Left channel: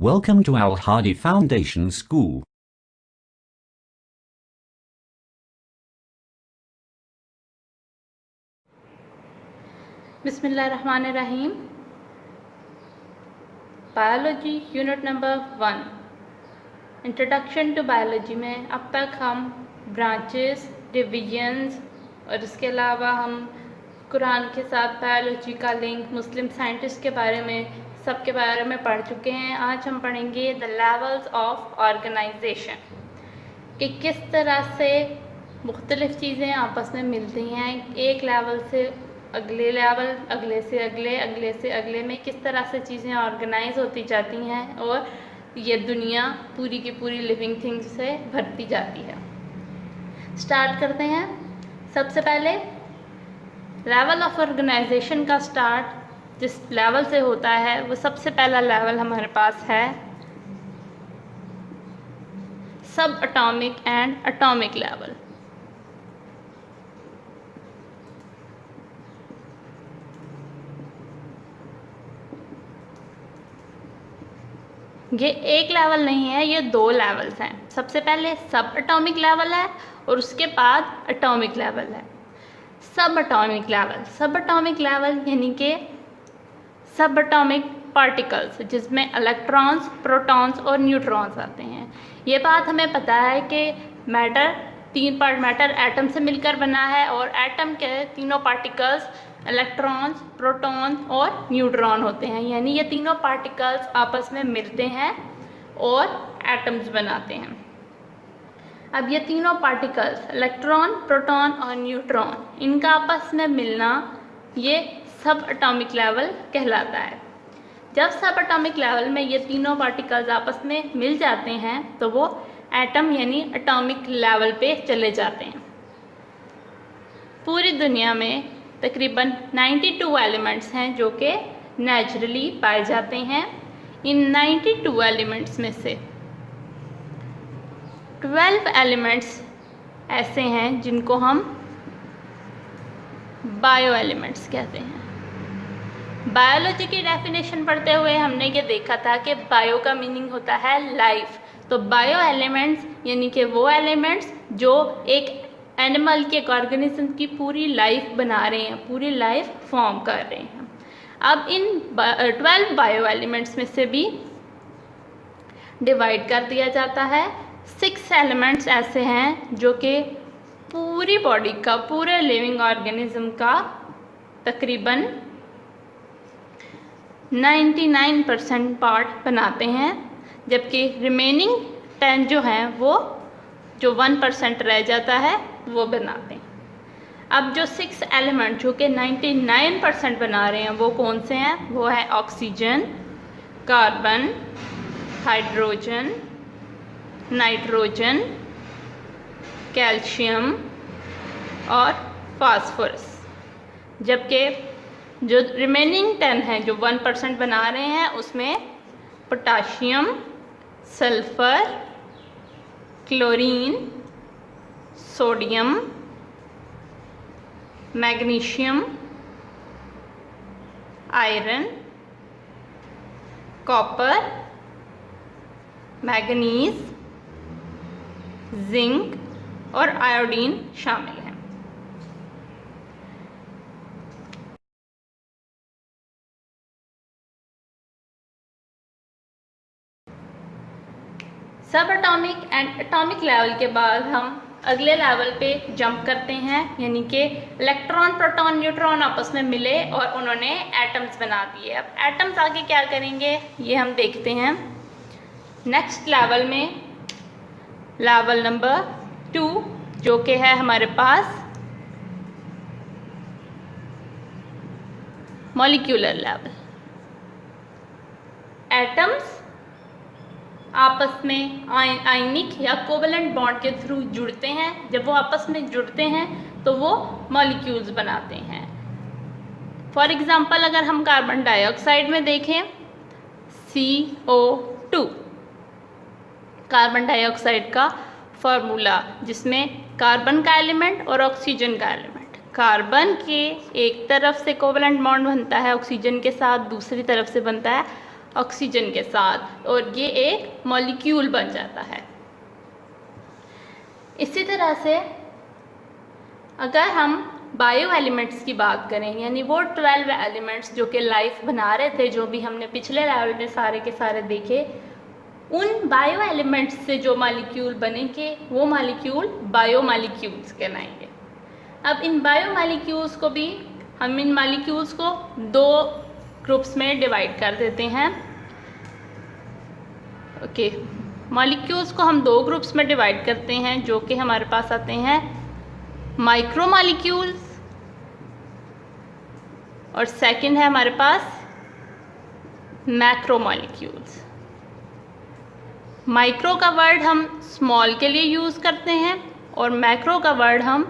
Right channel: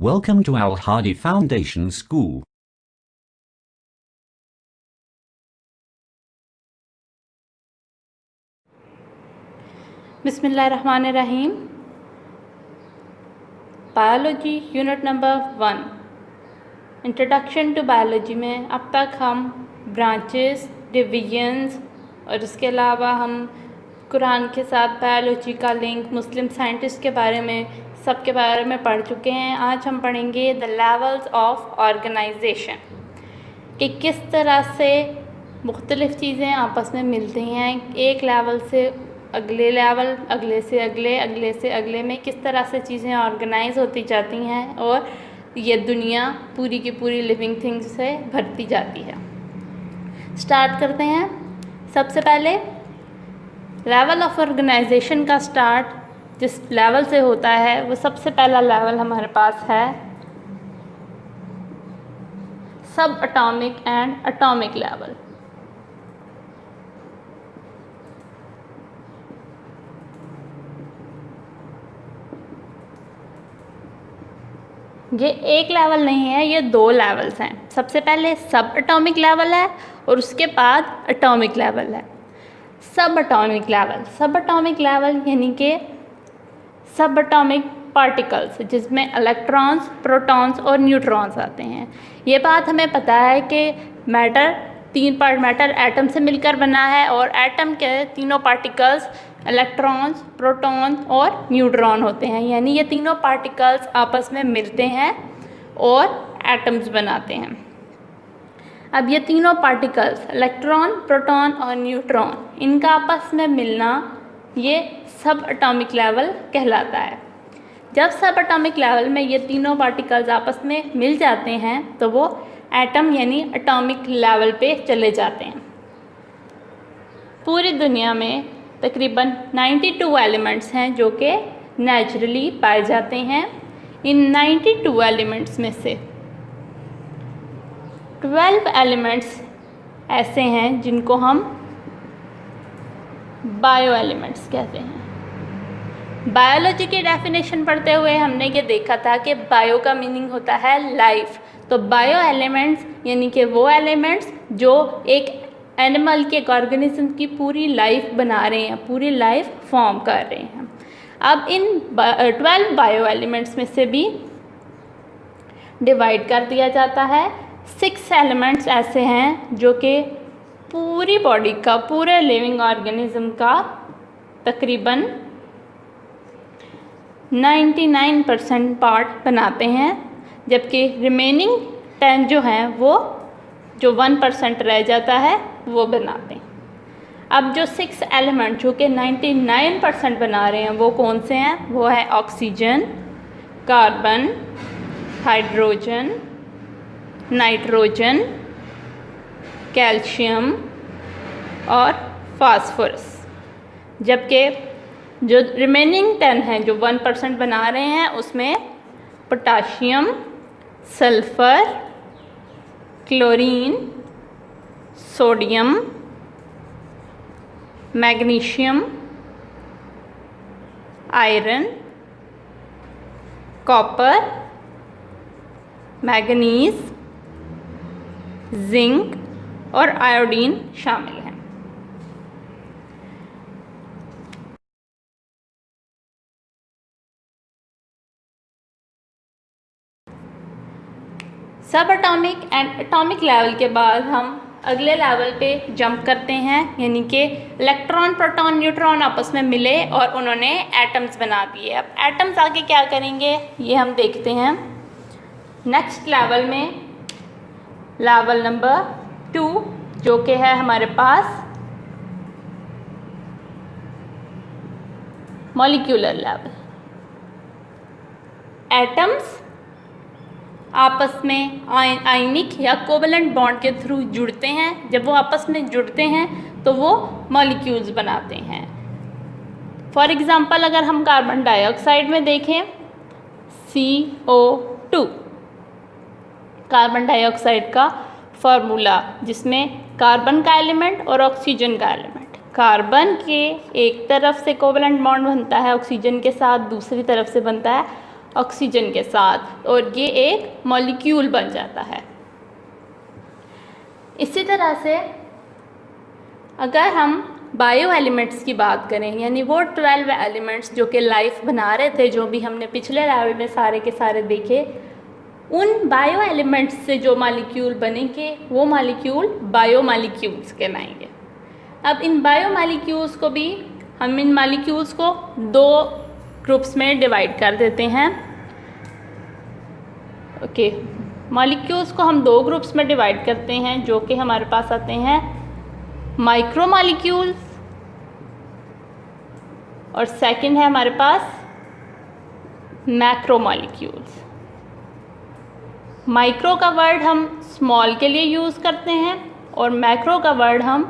Welcome to Al Hadi Foundation School. बिस्मिल्लाहिर्रहमानिर्रहीम। Biology unit number 1 introduction to biology में अब तक हम ब्रांचेस, डिवीजन्स और इसके अलावा हम कुरान के साथ बायोलॉजी का लिंक, मुस्लिम साइंटिस्ट के बारे में, सब के बारे में पढ़ चुके हैं। आज हम पढ़ेंगे द लेवल्स ऑफ ऑर्गेनाइजेशन, कि किस तरह से मुख्तलिफ़ चीज़ें आपस में मिलती हैं। एक लेवल से अगले लेवल, अगले से अगले, अगले से अगले में किस तरह से चीज़ें ऑर्गेनाइज होती जाती हैं और ये दुनिया पूरी की पूरी लिविंग थिंग्स से भरती जाती है। स्टार्ट करते हैं। सबसे पहले लेवल ऑफ ऑर्गेनाइजेशन का स्टार्ट जिस लेवल से होता है वो सबसे पहला लेवल हमारे पास है सब एटॉमिक एंड एटॉमिक लेवल। ये एक लेवल नहीं है, ये दो लेवल्स हैं। सबसे पहले सब एटॉमिक लेवल है और उसके बाद एटॉमिक लेवल है। सब एटॉमिक लेवल यानी कि सब एटॉमिक पार्टिकल्स जिसमें इलेक्ट्रॉन्स, प्रोटॉन्स और न्यूट्रॉन्स आते हैं। ये बात हमें पता है कि मैटर, तीन पार्ट मैटर एटम से मिलकर बना है और एटम के तीनों पार्टिकल्स इलेक्ट्रॉन्स, प्रोटॉन्स और न्यूट्रॉन होते हैं। यानी ये तीनों पार्टिकल्स आपस में मिलते हैं और एटम्स बनाते हैं। अब ये तीनों पार्टिकल्स इलेक्ट्रॉन, प्रोटॉन और न्यूट्रॉन, इनका आपस में मिलना ये सब एटॉमिक लेवल कहलाता है। जब सब एटॉमिक लेवल में ये तीनों पार्टिकल्स आपस में मिल जाते हैं तो वो एटम यानी एटॉमिक लेवल पे चले जाते हैं। पूरी दुनिया में तकरीबन 92 एलिमेंट्स हैं जो कि नेचुरली पाए जाते हैं। इन 92 एलिमेंट्स में से 12 एलिमेंट्स ऐसे हैं जिनको हम बायो एलिमेंट्स कहते हैं। बायोलॉजी की डेफिनेशन पढ़ते हुए हमने ये देखा था कि बायो का मीनिंग होता है लाइफ। तो बायो एलिमेंट्स यानी कि वो एलिमेंट्स जो एक एनिमल के, एक ऑर्गेनिज्म की पूरी लाइफ बना रहे हैं, पूरी लाइफ फॉर्म कर रहे हैं। अब इन 12 बायो एलिमेंट्स में से भी डिवाइड कर दिया जाता है। 6 एलिमेंट्स ऐसे हैं जो कि पूरी बॉडी का, पूरे लिविंग ऑर्गेनिज्म का तकरीबन 99% पार्ट बनाते हैं, जबकि रिमेनिंग 10 जो हैं वो जो 1% रह जाता है वो बनाते हैं। अब जो 6 एलिमेंट जो कि 99% बना रहे हैं वो कौन से हैं? वो है oxygen, carbon, hydrogen, nitrogen, calcium और फास्फोरस। जबकि जो रिमेनिंग 10 हैं जो 1% बना रहे हैं उसमें potassium, sulphur, chlorine, sodium, magnesium, iron, copper, manganese, zinc और आयोडीन शामिल हैं। सब एटॉमिक एंड एटॉमिक लेवल के बाद हम अगले लेवल पे जंप करते हैं, यानी कि इलेक्ट्रॉन, प्रोटॉन, न्यूट्रॉन आपस में मिले और उन्होंने एटम्स बना दिए। अब एटम्स आगे क्या करेंगे ये हम देखते हैं नेक्स्ट लेवल में, लेवल नंबर 2 जो कि है हमारे पास मॉलिक्यूलर लेवल। एटम्स आपस में आयनिक या कोवलेंट बॉन्ड के थ्रू जुड़ते हैं। जब वो आपस में जुड़ते हैं तो वो मॉलिक्यूल्स बनाते हैं। फॉर एग्ज़ाम्पल अगर हम कार्बन डाइऑक्साइड में देखें CO2, कार्बन डाइऑक्साइड का फार्मूला जिसमें कार्बन का एलिमेंट और ऑक्सीजन का एलिमेंट, कार्बन के एक तरफ से कोवलेंट बॉन्ड बनता है ऑक्सीजन के साथ, दूसरी तरफ से बनता है ऑक्सीजन के साथ, और ये एक मॉलिक्यूल बन जाता है। इसी तरह से अगर हम बायो एलिमेंट्स की बात करें, यानी वो 12 एलिमेंट्स जो कि लाइफ बना रहे थे, जो भी हमने पिछले लेवल में सारे के सारे देखे, उन बायो एलिमेंट्स से जो मॉलिक्यूल बनेंगे वो मॉलिक्यूल बायो मॉलिक्यूल्स कहलाएंगे। अब इन बायो मॉलिक्यूल्स को भी हम इन मॉलिक्यूल्स को दो ग्रुप्स में डिवाइड कर देते हैं। ओके, मॉलिक्यूल्स को हम दो ग्रुप्स में डिवाइड करते हैं, जो कि हमारे पास आते हैं माइक्रो मॉलिक्यूल्स, और सेकंड है हमारे पास मैक्रो मॉलिक्यूल्स। माइक्रो का वर्ड हम स्मॉल के लिए यूज़ करते हैं और मैक्रो का वर्ड हम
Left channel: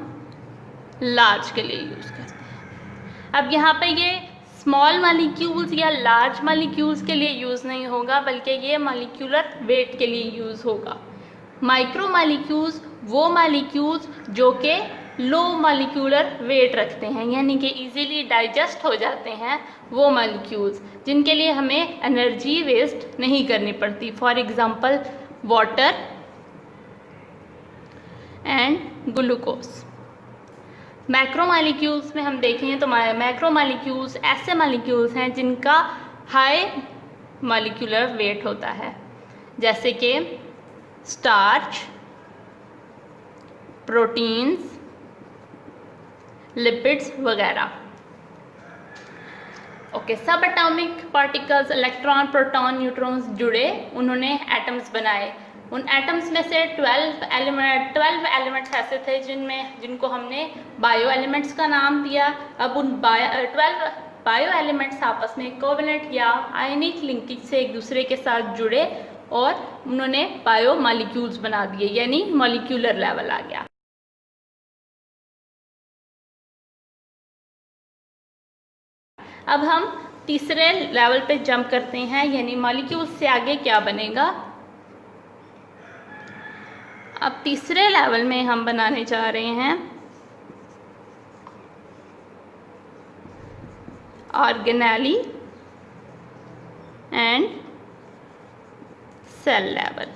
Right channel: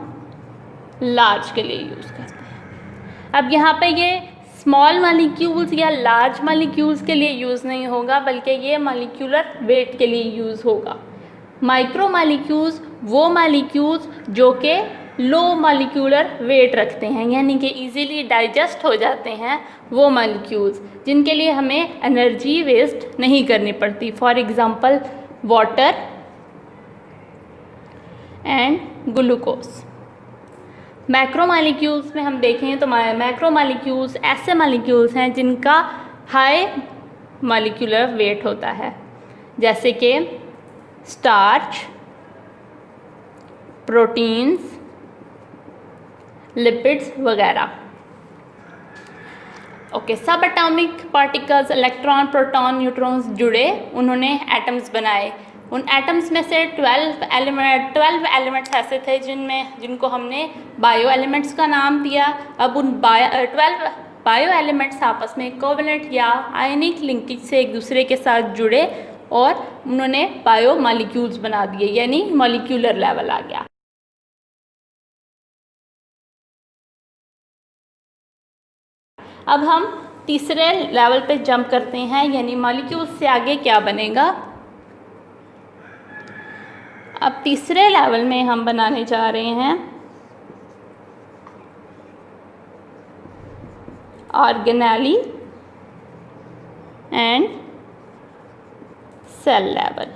लार्ज के लिए यूज़ करते हैं। अब यहाँ पे ये स्मॉल मॉलिक्यूल्स या लार्ज मॉलिक्यूल्स के लिए यूज़ नहीं होगा, बल्कि ये मॉलिक्यूलर वेट के लिए यूज़ होगा। माइक्रो मॉलिक्यूल्स वो मॉलिक्यूल्स जो कि लो मॉलिक्यूलर वेट रखते हैं, यानी कि इजीली डाइजेस्ट हो जाते हैं, वो मॉलिक्यूल्स जिनके लिए हमें एनर्जी वेस्ट नहीं करनी पड़ती। For example water and glucose. Macro molecules में हम देखें तो मैक्रो मॉलिक्यूल्स ऐसे मॉलिक्यूल्स हैं जिनका हाई मॉलिक्यूलर वेट होता है, जैसे कि स्टार्च, प्रोटीन्स, लिपिड्स वगैरह। ओके, सब atomic particles, electron, proton, neutrons जुड़े, उन्होंने एटम्स बनाए। उन एटम्स में से 12 एलिमेंट्स ऐसे थे जिनको हमने बायो एलिमेंट्स का नाम दिया। अब उन 12 बायो एलिमेंट्स आपस में कोवलेंट या आयनिक लिंकेज से एक दूसरे के साथ जुड़े और उन्होंने बायो मॉलिक्यूल्स बना दिए, यानी मॉलिक्यूलर लेवल आ गया। अब हम तीसरे लेवल पे जंप करते हैं, यानी मॉलिक्यूल्स से आगे क्या बनेगा। अब तीसरे लेवल में हम बनाने जा रहे हैं organelle and cell level.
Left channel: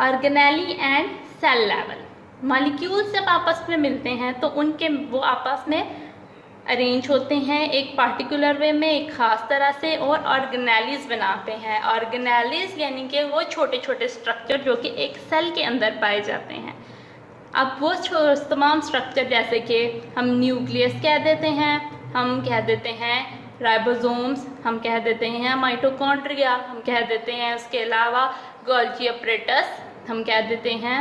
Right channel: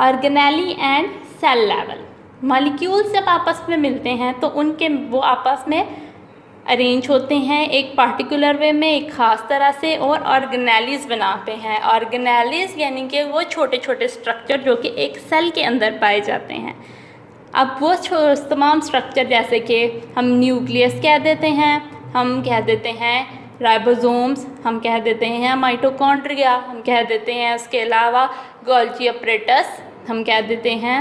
Organelle and cell level, molecules जब आपस में मिलते हैं तो वो आपस में अरेंज होते हैं एक पार्टिकुलर वे में, एक ख़ास तरह से, और ऑर्गेनेलीज बनाते हैं। ऑर्गेनेलीज यानी कि वो छोटे छोटे स्ट्रक्चर जो कि एक सेल के अंदर पाए जाते हैं। अब वो तमाम स्ट्रक्चर, जैसे कि हम न्यूक्लियस कह देते हैं, हम कह देते हैं राइबोसोम्स, हम कह देते हैं माइटोकॉन्ड्रिया, हम कह देते हैं उसके अलावा गोल्गी अपरेटस, हम कह देते हैं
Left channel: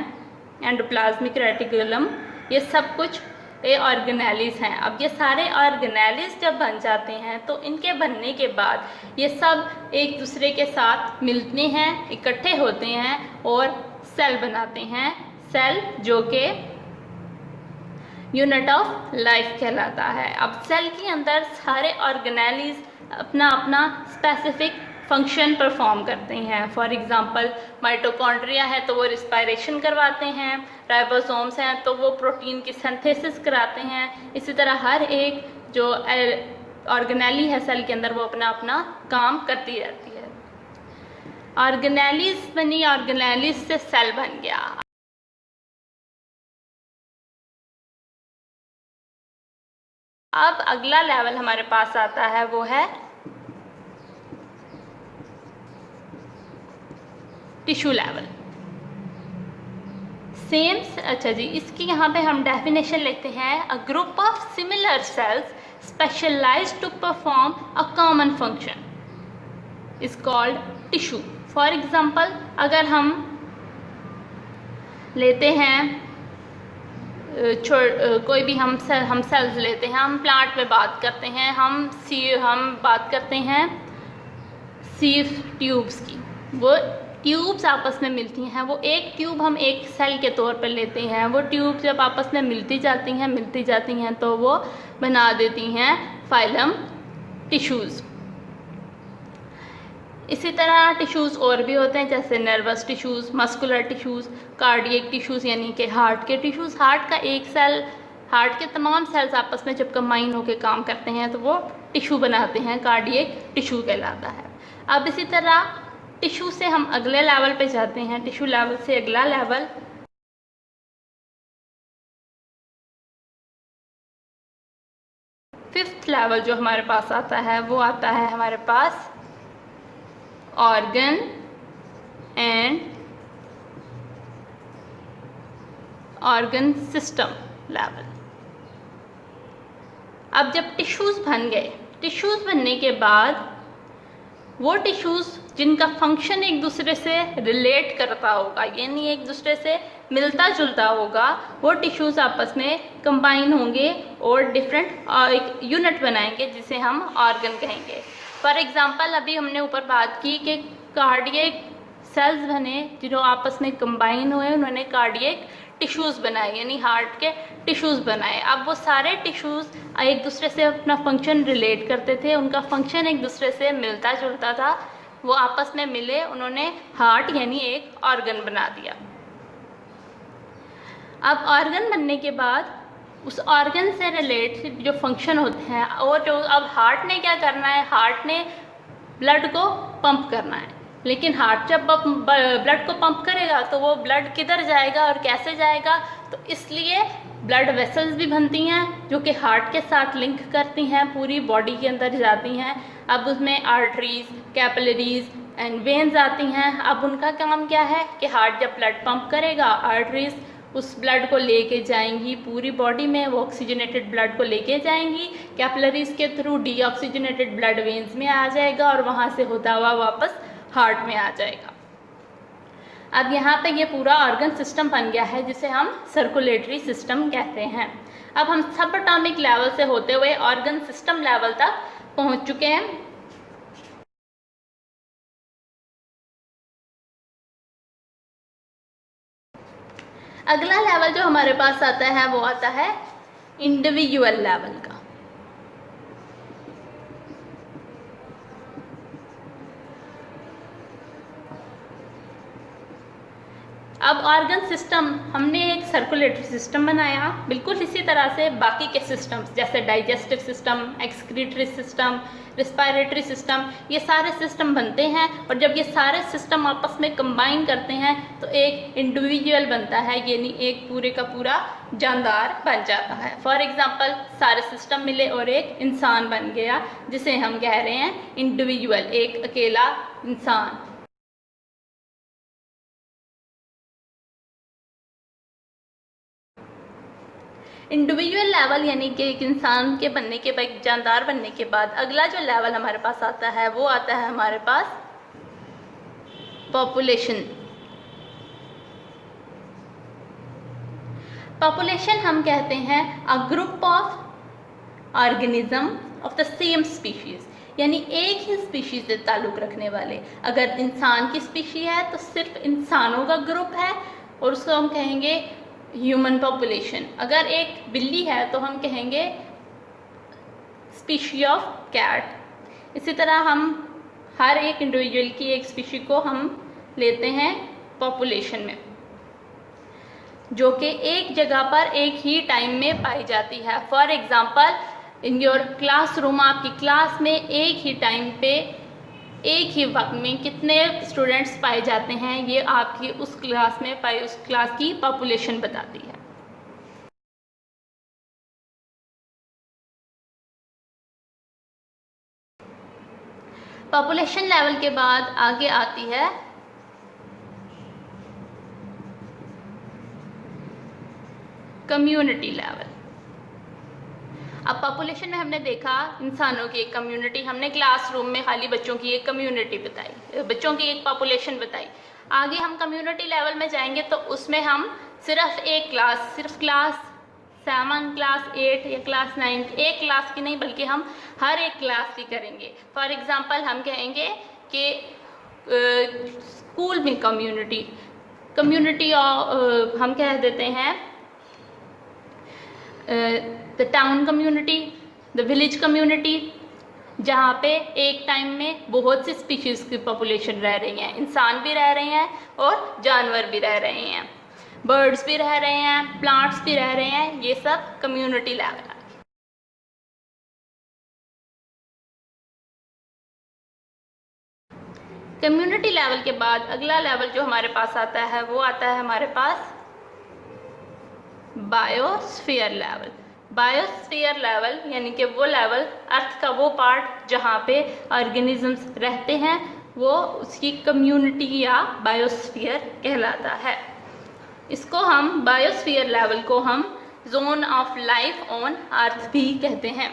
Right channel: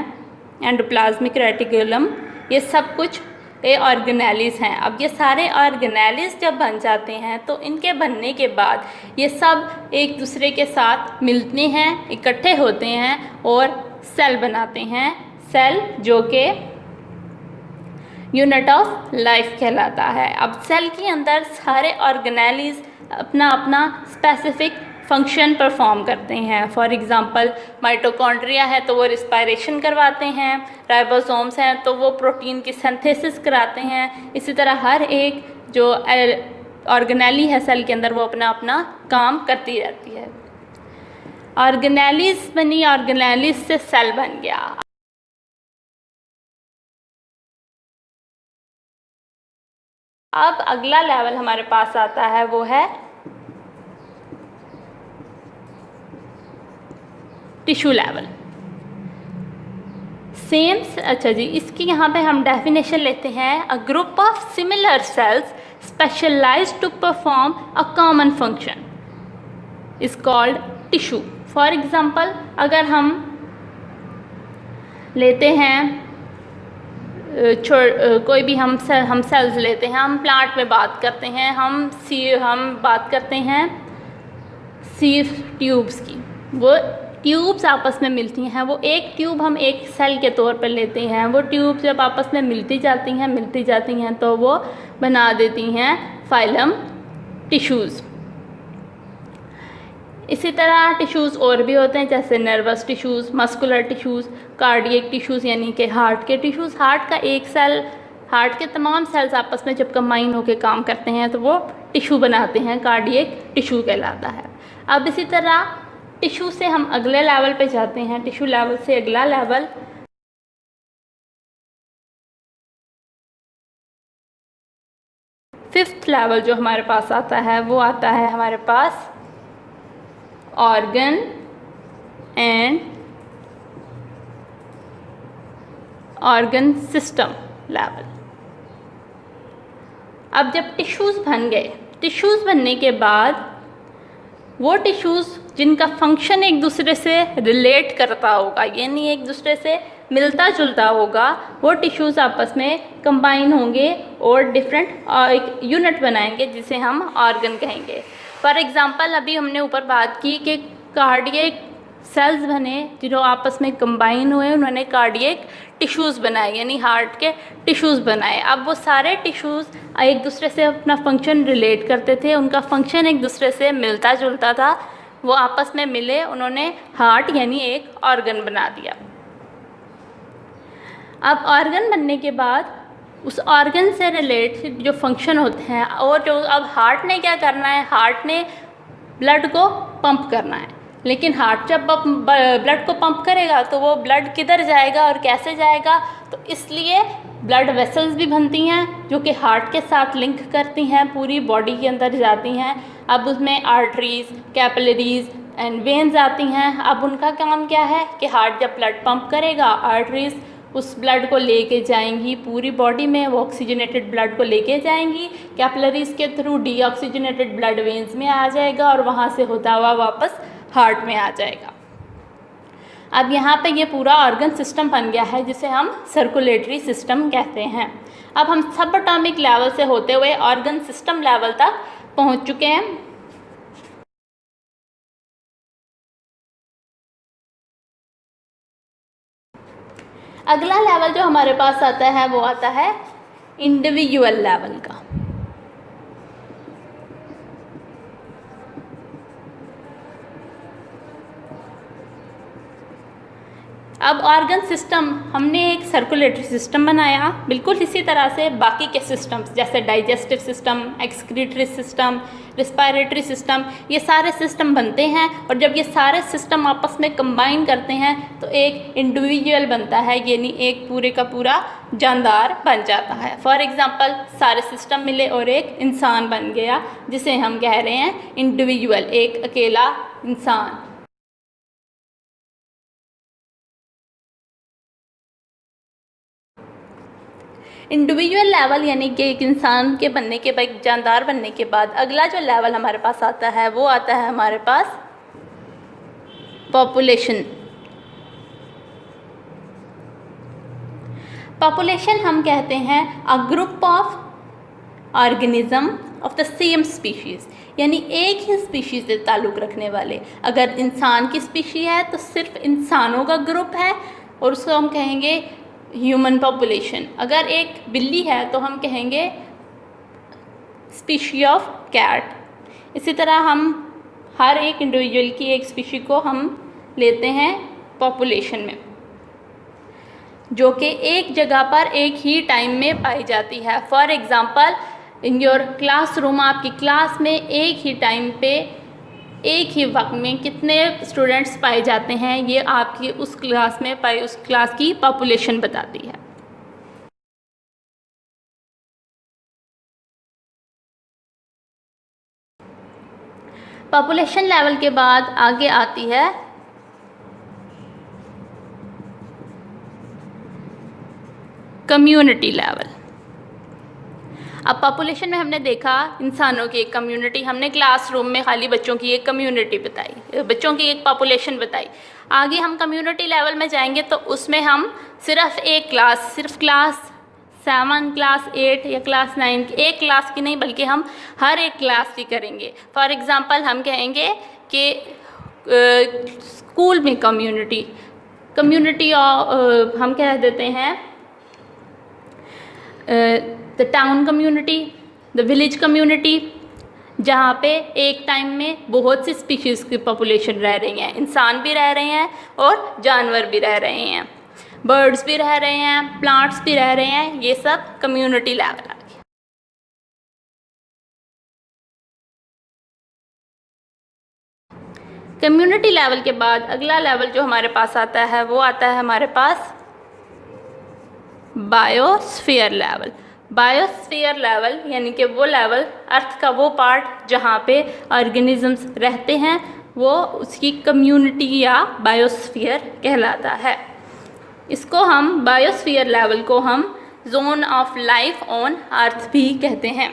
एंडोप्लाज्मिक रेटिकुलम, ये सब कुछ ये ऑर्गेनेलीज हैं। अब ये सारे ऑर्गेनेलीज जब बन जाते हैं तो इनके बनने के बाद ये सब एक दूसरे के साथ मिलते हैं, इकट्ठे होते हैं और सेल बनाते हैं। सेल जो कि यूनिट ऑफ लाइफ कहलाता है। अब सेल के अंदर सारे ऑर्गेनेलीज अपना अपना स्पेसिफिक फंक्शन परफॉर्म करते हैं। फॉर एग्ज़ाम्पल माइटोकॉन्ड्रिया है तो वो रिस्पायरेशन करवाते हैं, राइबोसोम्स हैं तो वो प्रोटीन की सिंथेसिस कराते हैं। इसी तरह हर एक जो ऑर्गेनेली है सेल के अंदर वो अपना अपना काम करती रहती है। ऑर्गेनेलीज बनी, ऑर्गेनेलीज से सेल बन गया। अब अगला लेवल हमारे पास आता है वो है टिश्यू लेवल। अच्छा जी, इसकी यहाँ पे हम डेफिनेशन लेते हैं, a group of similar cells specialised to perform a common function is called tissue. For example अगर हम लेते हैं कोई भी हम सेल्स लेते हैं, हम प्लांट में बात करते हैं, हम बात करते हैं सीव ट्यूब्स की। वो ट्यूब्स आपस में मिलती हैं, वो एक ट्यूब हम एक सेल के तौर पर लेते हैं। वो ट्यूब जब आपस में मिलती जाती हैं तो वो बना देती हैं फाइलम टिश्यूज़। इसी तरह टिश्यूज़ और भी होते हैं, जैसे nervous tissues, muscular tissues, cardiac tissues यानी कि हार्ट के टिश्यूज़। हार्ट हार्ट के तमाम सेल्स आपस में जब कंबाइन होकर काम करते हैं तो वो टिश्यू बनाते हैं, कार्डियक टिश्यू कहलाता है। अब इसी तरह टिश्यू से हम अगले लेवल पे जाते हैं, टिश्यू लेवल से अगला लेवल फिफ्थ लेवल जो हमारे पास आता है वो आता है हमारे पास organ and organ system level. अब जब टिश्यूज़ बन गए, टिश्यूज़ बनने के बाद वो टिश्यूज़ जिनका फंक्शन एक दूसरे से रिलेट करता होगा, यानी एक दूसरे से मिलता जुलता होगा, वो टिश्यूज़ आपस में कंबाइन होंगे और डिफरेंट एक यूनिट बनाएंगे जिसे हम ऑर्गन कहेंगे। फॉर एग्ज़ाम्पल अभी हमने ऊपर बात की कि कार्डियक सेल्स बने जो आपस में कंबाइन हुए, उन्होंने कार्डियक टिश्यूज़ बनाए यानी हार्ट के टिश्यूज़ बनाए। अब वो सारे टिश्यूज़ एक दूसरे से अपना फंक्शन रिलेट करते थे, उनका फंक्शन एक दूसरे से मिलता जुलता था, वो आपस में मिले, उन्होंने हार्ट यानी एक ऑर्गन बना दिया। अब ऑर्गन बनने के बाद उस ऑर्गन से रिलेटेड जो फंक्शन होते हैं और जो अब हार्ट ने क्या करना है, हार्ट ने ब्लड को पंप करना है, लेकिन हार्ट जब ब्लड को पंप करेगा तो वो ब्लड किधर जाएगा और कैसे जाएगा, तो इसलिए ब्लड वेसल्स भी बनती हैं जो कि हार्ट के साथ लिंक करती हैं, पूरी बॉडी के अंदर जाती हैं। अब उसमें आर्टरीज, कैपिलरीज एंड वेन्स आती हैं। अब उनका काम क्या है कि हार्ट जब ब्लड पंप करेगा, आर्टरीज उस ब्लड को लेके जाएंगी पूरी बॉडी में, वो ऑक्सीजनेटेड ब्लड को लेके जाएंगी, कैपिलरीज के थ्रू डीऑक्सीजनेटेड ब्लड वेन्स में आ जाएगा और वहाँ से होता हुआ वापस हार्ट में आ जाएगा। अब यहाँ पे ये पूरा ऑर्गन सिस्टम बन गया है जिसे हम सर्कुलेटरी सिस्टम कहते हैं। अब हम सब एटॉमिक लेवल से होते हुए ऑर्गन सिस्टम लेवल तक पहुँच चुके हैं। अगला लेवल जो हमारे पास आता है वो आता है इंडिविजुअल लेवल का। अब ऑर्गन सिस्टम हमने एक सर्कुलेटरी सिस्टम बनाया, बिल्कुल इसी तरह से बाकी के सिस्टम्स जैसे digestive system, excretory system, respiratory system, ये सारे सिस्टम बनते हैं और जब ये सारे सिस्टम आपस में कंबाइन करते हैं तो एक इंडिविजुअल बनता है, यानी एक पूरे का पूरा जानदार बन जाता है। फॉर एग्जांपल सारे सिस्टम मिले और एक इंसान बन गया जिसे हम कह रहे हैं इंडिविजुअल, एक अकेला इंसान। इंडिविजुअल लेवल यानी कि एक इंसान के बनने के बाद, जानदार बनने के बाद अगला जो लेवल हमारे पास आता है वो आता है हमारे पास पॉपुलेशन। पॉपुलेशन हम कहते हैं a group of organism of the same species, यानी एक ही स्पीशीज़ से ताल्लुक़ रखने वाले। अगर इंसान की स्पीशी है तो सिर्फ इंसानों का ग्रुप है और उसको हम कहेंगे ह्यूमन पॉपुलेशन। अगर एक बिल्ली है तो हम कहेंगे स्पीशी ऑफ कैट। इसी तरह हम हर एक इंडिविजुअल की एक स्पीशी को हम लेते हैं पॉपुलेशन में, जो कि एक जगह पर एक ही टाइम में पाई जाती है। For example in your classroom, आपकी क्लास में एक ही टाइम पे एक ही वक्त में कितने स्टूडेंट्स पाए जाते हैं, ये आपकी उस क्लास में पाई उस क्लास की पॉपुलेशन बताती है। पॉपुलेशन लेवल के बाद आगे आती है कम्युनिटी लेवल। अब पॉपुलेशन में हमने देखा इंसानों की एक कम्युनिटी, हमने क्लासरूम में खाली बच्चों की एक कम्युनिटी बताई, बच्चों की एक पॉपुलेशन बताई। आगे हम कम्युनिटी लेवल में जाएंगे तो उसमें हम सिर्फ एक क्लास, सिर्फ क्लास 7, क्लास 8 या क्लास 9, एक क्लास की नहीं बल्कि हम हर एक क्लास की करेंगे। फॉर एग्ज़ाम्पल हम कहेंगे कि स्कूल में कम्युनिटी हम कह देते हैं the town community, the village community, जहाँ पे एक टाइम में बहुत सी स्पीशीज़ की पॉपुलेशन रह रही हैं, इंसान भी रह रहे हैं और जानवर भी रह रहे हैं। बर्ड्स भी रह रहे हैं, प्लांट्स भी रह रहे हैं, ये सब कम्युनिटी लेवल आ गया। कम्युनिटी लेवल के बाद अगला लेवल जो हमारे पास आता है वो आता है हमारे पास बायोस्फीयर लेवल। बायोस्फीयर लेवल यानी कि वो लेवल, अर्थ का वो पार्ट जहाँ पे ऑर्गेनिजम्स रहते हैं, वो उसकी कम्युनिटी या बायोस्फीयर कहलाता है। इसको हम बायोस्फीयर लेवल को हम zone of life on earth भी कहते हैं।